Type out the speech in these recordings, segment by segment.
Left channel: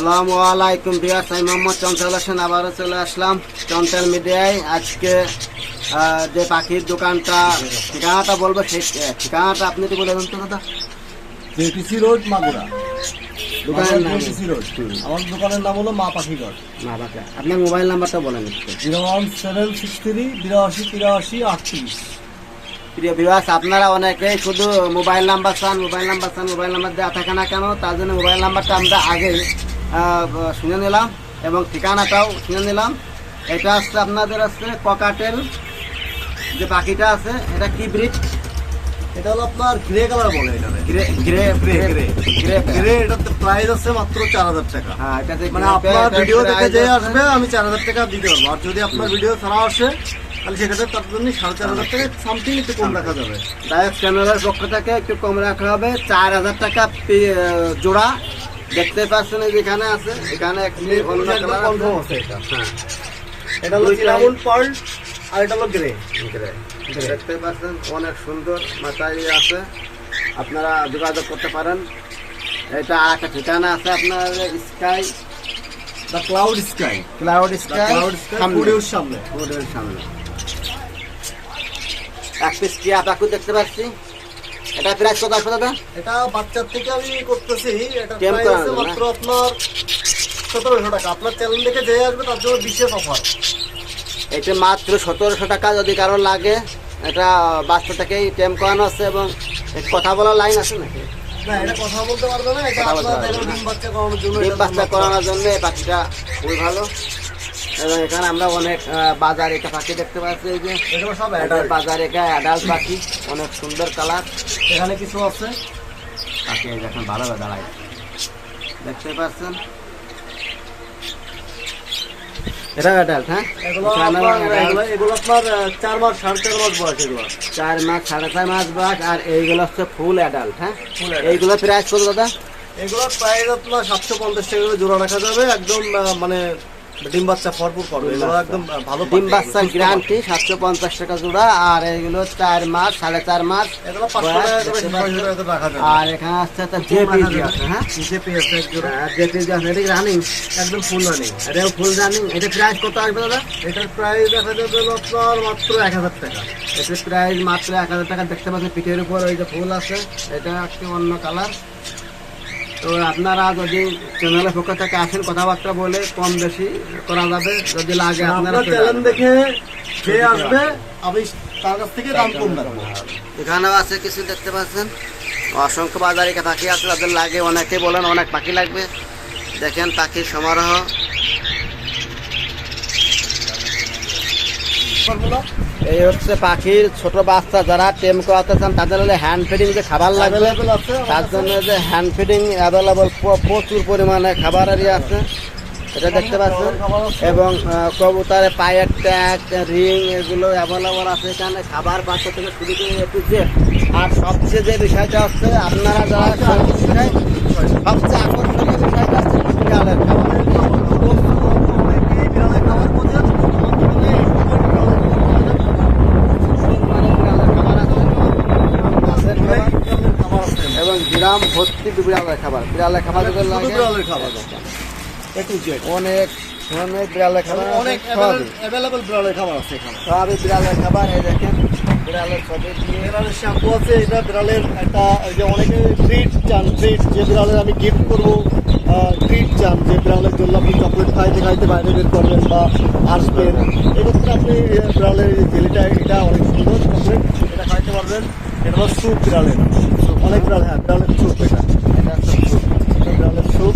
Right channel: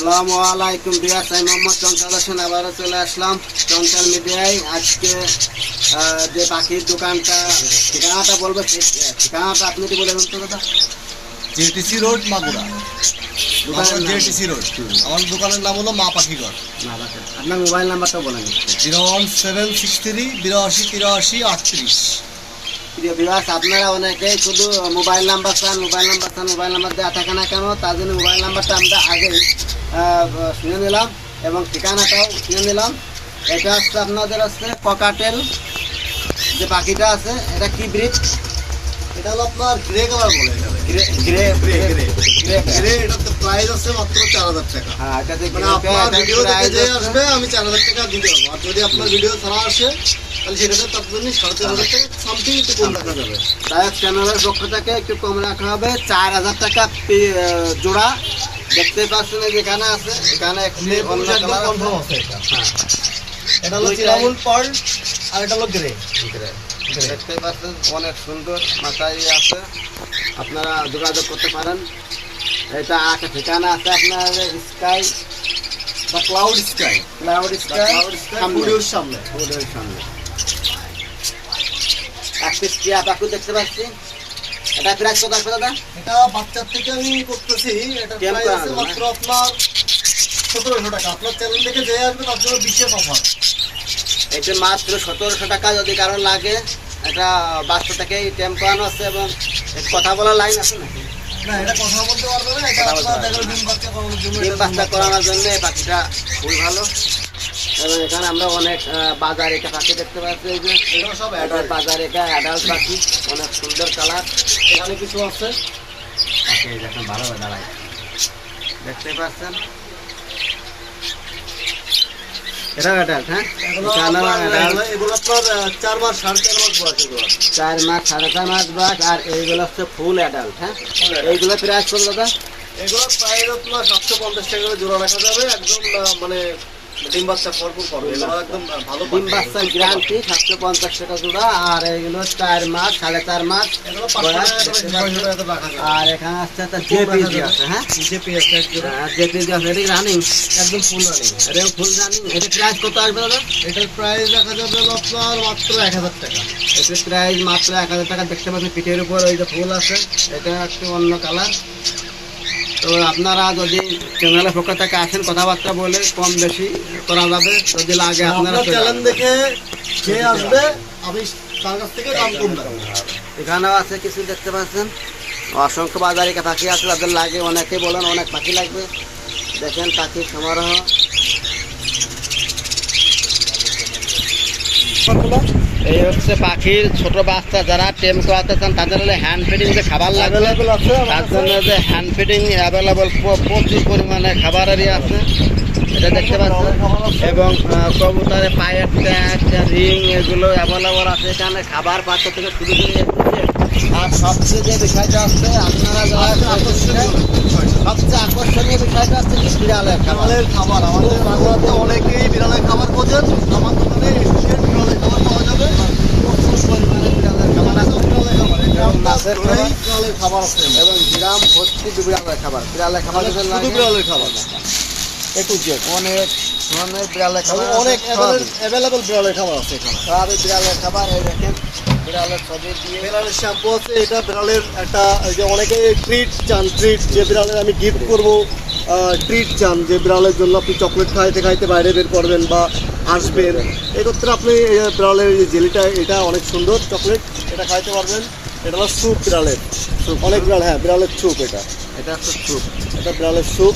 আসসালামু আলাইকুম বিয়াস আমি মোহাম্মদ চঞ্চল হোসেন আবারও চলে আসলাম চঞ্চল মিডিয়ায়। আজকে যে পাখির দোকানটা ঠিকানাটা বলব ঠিক ঠিকানাটা আপনি কি বলে দেন তো দাদা। JTC road Magura. দোকানের? JTC road. আমার দোকানের নাম হলো মা পাখিঘর। না বাচ্চা আপনার মোবাইল নাম্বারটা বলেন একটু। Zero one seven six three বিরাশি তিরাশি আটত্রিশ। প্রিয় বিভাস আপনারা অনেকেই শুধু মোবাইল নাম্বার চান মোবাইল নাম্বার চান মোবাইল নাম্বার দেওয়া থাকে না কেন? তার জন্য মোবাইল নাম্বারটা আমরা আগে শুনে নিলাম এবং ঠিকানাটাও শুনে নিলাম। এটা হচ্ছে আপনাদের হচ্ছে ককাটেল যে পাখিটা আছে এটা কি ব্রিড এটা হলো আপনার গ্রে কালার বলে এখানে grey grey grey grey grey grey grey এটাতে প্রাইস আছে মাত্র চার হাজার টাকা। হ্যাঁ এটাতে মানে আপনার ভিডিও দেখে যে আসবে আমি চার হাজার টাকা দিতে পারব। আর যদি আপনার ভিডিও ছাড়া আসে তাহলে সেটাতে তার জন্য সাড়ে চার হাজার টাকা সামথিং একটু কম রাখা যাবে। পক্ষ থেকে একটু কম রাখা হবে। চার হাজার টাকা জোড়া। দেখতে পাচ্ছেন যেখানে আছে এখানে একটি অন্য কালার আছে। হ্যাঁ। এটা হলো দুইটাই- পার্ল আর এটা হলো গ্রে। গ্রে। দেখতে পাচ্ছেন অনেক সুন্দর মাথায় আছে। আপনারা যোগাযোগ করতে পারেন। এটা একটা ঠিকানা আছে আপনার sky. The cloud sky. Cloud sky cloud স্টুডিওর সামনে। সামনে। এক পিস দেখতে পাচ্ছি? এটা প্রাইস কত দাদা? এটা বাচ্চার থেকে আমি করতেছি। এটা? মাত্র আপনার সতেরোশো টাকা। আপনার চ্যানেল থেকে যে আসবে তার জন্য বিশেষ অফার এটা মাত্র সতেরোশো টাকা যদি কারও লাগে। এটা বাচ্চা থেকেই টেম করানো আছে এবং কথা বলার লাইন আছে নাকি? না এটা কথা বলতে পারবে না। এটা কথা আপনার পারবে দেখো ডিম বাচ্চা বাচ্চা করানোর জন্য এই পাখিটা খুবই ভালো। এবং এখানে আমরা অনেক বাজার পাখি দেখতে পাচ্ছি এই যে। বাজার অ্যাডাল্ট পাখি অনেক সুন্দর কালার। এখানে কিছু আছে? পাখি এই দেখেন ভালো দাঁড়ায়। দেখতে পাচ্ছেন? এটা অ্যাডাল্ট হ্যাঁ? চার মাস সাড়ে চার মাস বয়স এগুলো। চার মাস সাড়ে চার মাস বাস আর এইগুলো হচ্ছে ফুল অ্যাডাল্ট হ্যাঁ। এইগুলো প্রাইস কত দাদা? এগুলো প্রায় আপনার সাতশো পঞ্চাশ টাকা জোড়া রাখা যাবে একদম মানে ডিম বাচ্চা ভরপুর পাবে ডিম এগুলো একদম ভালো ডিম বাচ্চার গ্যারান্টি সাতশো পঞ্চাশ টাকা জোড়া আর চার মাস সাড়ে চার মাস আর এখানে আসছে একটা জেপিজি আছে হ্যাঁ? জেপিজি আছে এটা রানিং একদম ফুল রানিং এটা ফুল রানিং এটা প্রাইস কত আসবে দাদা? এটার প্রাইস দেখা যাবে আপনার মাত্র এক হাজার টাকা। এটার প্রাইস মাত্র এক হাজার টাকা। দেখতে পাচ্ছেন পিঠের উপর ওই যে ফুল আছে এটা একটু অন্য কালার তো আপনারা যদি চ্যানেলের পক্ষ থেকে আসেন কথাবার্তা বলে কম বেশি করা যাবে যদি লাগে আপনারা। দেখে যে আসবে আমি তার কাছ থেকে দাম কম এখানেও আছে কিছু দেখতে পাচ্ছেন। অসংখ্য বাজারিকা পাখি আছে তাদের লাগে অনেকে বলেন অনেক পাখি লাগবে। দেখেন পাখির সমারোহ। এই হচ্ছে পাখির ছোট বাচ্চা যারা টেম করাতে চান তাদের হলে হ্যান্ড ফিডিং যে খাবার লাগবে আছে তার জন্য যে হ্যান্ড ফিডিং অ্যাভেলেবল প্রচুর পরিমাণে খাবারেরই আছে এটা দেখতে পাচ্ছেন। এবং আহ, কবুতরের পায়ের ট্যাগ রিং এগুলো অ্যাভেলেবল আছে এখানে। খাবার পাত্র থেকে শুরু করে এ টু জেড। আর সবচেয়ে যে বিষয়টা হচ্ছে আপনারা যারা সবচেয়ে আকর্ষণীয় বিষয়টা হচ্ছে বিড়ালের খাবার। খাবার অনেকেই বিড়ালের খাবার বোঝেন আমার দোকানে এই বিড়ালের খাবার পাওয়া যাবে প্রচুর পরিমাণে বিড়ালের খাবার আছে এবং মাছের খাবার বিড়ালের খাবার আছে এবং গ্রাম ভর্তি বিড়ালের খাবার। বিড়ালের খাবার যদি লাগে বিড়ালের খাবার। অনেক ধরনের বিড়ালের খাবার অনেক অ্যাভেলেবল বিড়ালের খাবার আছে এখানে। সবই বিড়ালের খাবার এই দেখেন বিড়ালের ছবি দিয়ে। বিড়ালের শ্যাম্পু আছে এটা বিড়ালের একটা যে অনেকে ট্রিট চান ট্রিট যে বিড়ালের আমি গিফট করব ট্রিট চান যে বিড়ালের জন্য আপনি চকলেট খাইতে খাইতে বাইরে বের করবেন বা আসবেন। এক্ষেত্রে আপনি বিড়ালের জেলিটা এটা অনেক সুন্দর চকলেট এটা খাইতে পারবেন। এটা হলো স্যুপ বিড়ালের অনেক বিড়াল হ্যাঁ বিড়ালের স্যুপ এটা। এটা। এটা বিড়ালের স্যুপ।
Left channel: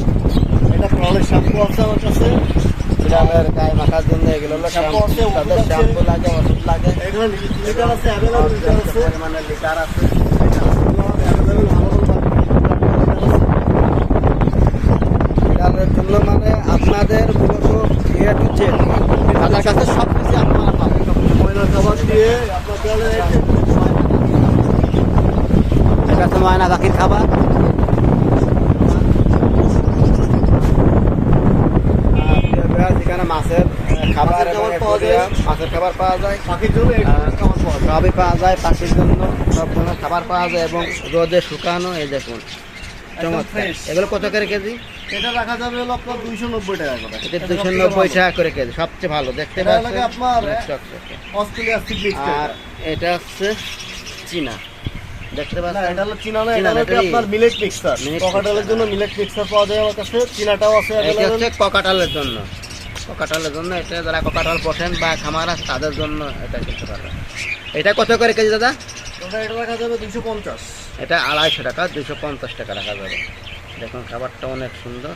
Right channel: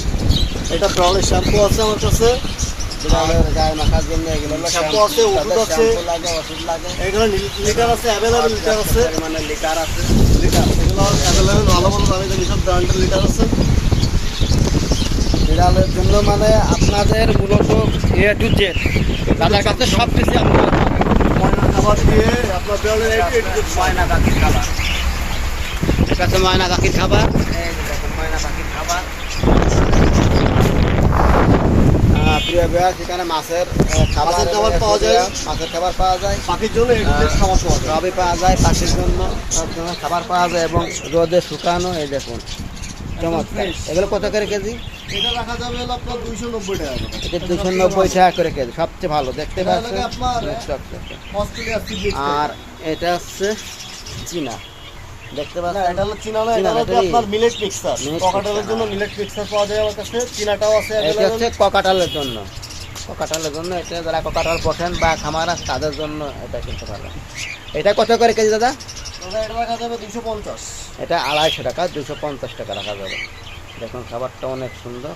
এটা বিড়ালের শ্যাম্পু আছে আমার কাছে। বিড়ালের গায়ে মাখার জন্য এগুলো হলো শ্যাম্পু আছে, ওষুধ আছে। শ্যাম্পু লাগে ওষুধ লাগে। এখানে লিটার আছে অ্যাভেলেবল লিটার আছে লিকার আছে অ্যাভেলেবল ভালো ভালো দামি সব ব্র্যান্ডের লিটার আছে। বিড়ালের জন্য মানে আপনাদের মূলত এ টু জেড তাদের কাছে সব কিছু আপনারা খাবার এখানে মাছের খাবার পাওয়া যায়। মাছের খাবার পাওয়া যায় পাখির সবই পাওয়া যায় পাখির জন্য খাবার পাওয়া যায় এবং রোদে শুকানো এই দেখুন চমৎকার এগুলো কত করে কেজি এটা রাখা যাবে হলো আপনার দুইশো নব্বই টাকা করে। এটা দুশো নব্বই টাকা করে কেজি সবচেয়ে ভালো দেখতে পাচ্ছেন? লাগে আপনার- অনেক চকচকে। অস্ট্রেলিয়া সিডলিস আর এটা হচ্ছে চীনা। দেখতে পাচ্ছেন? এটা হলো চীনা না এটা না, আপনার মিলেট মিক্সার Millet জন্য হ্যাঁ। মিলেট মিক্সার পাওয়া যায় আমার কাছে চীনাটাও আছে এটা হচ্ছে ককাটালের জন্য। ককাটালের জন্য এটা যারা ককাটাল পোষেন বা খামার আছে তাদের জন্য এটা কিনতে পারবেন। এটা কত করে কেজি দাদা? এটা রাখা যাবে দুইশো পঞ্চাশ। এটা আড়াইশো টাকা দুশো পঞ্চাশ টাকা রাখা যাবে। দেখুন, খাবারটা অনেক সুন্দর।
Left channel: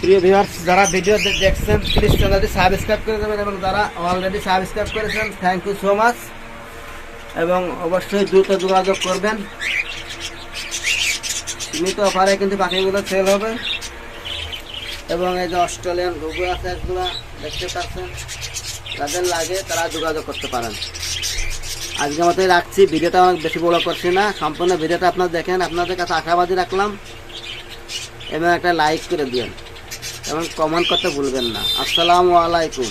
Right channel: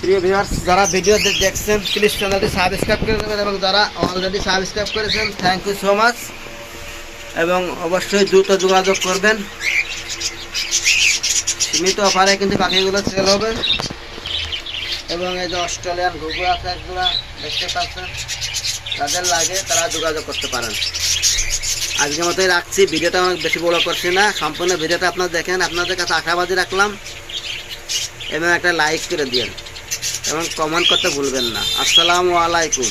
প্রিয় ভিউয়ার্স যারা ভিডিও দেখছেন প্লিজ চ্যানেলটি সাবস্ক্রাইব করে দেবেন এবং যারা অলরেডি সাবস্ক্রাইব করেছেন থ্যাংক ইউ সো মাচ এবং অবশ্যই দ্রুত যোগাযোগ করবেন। সীমিত অফারে কিন্তু পাখিগুলো সেল হবে। এবং এই যে অস্ট্রেলিয়ান ঘুঘু আছে একগুলা দেখতে পাচ্ছেন। যাদের লাগে, তারা যোগাযোগ করতে পারেন। আজকের মতোই রাখছি, ভিডিওটা অনেক বেশি বড় করছি না, সম্পূর্ণ ভিডিওটা আপনারা দেখেন, আপনাদের কাছে আশাবাদী রাখলাম। এবং একটা লাইক করে দিন এবং কমেন্ট করতে ভুলবেন না। আসসালামু আলাইকুম।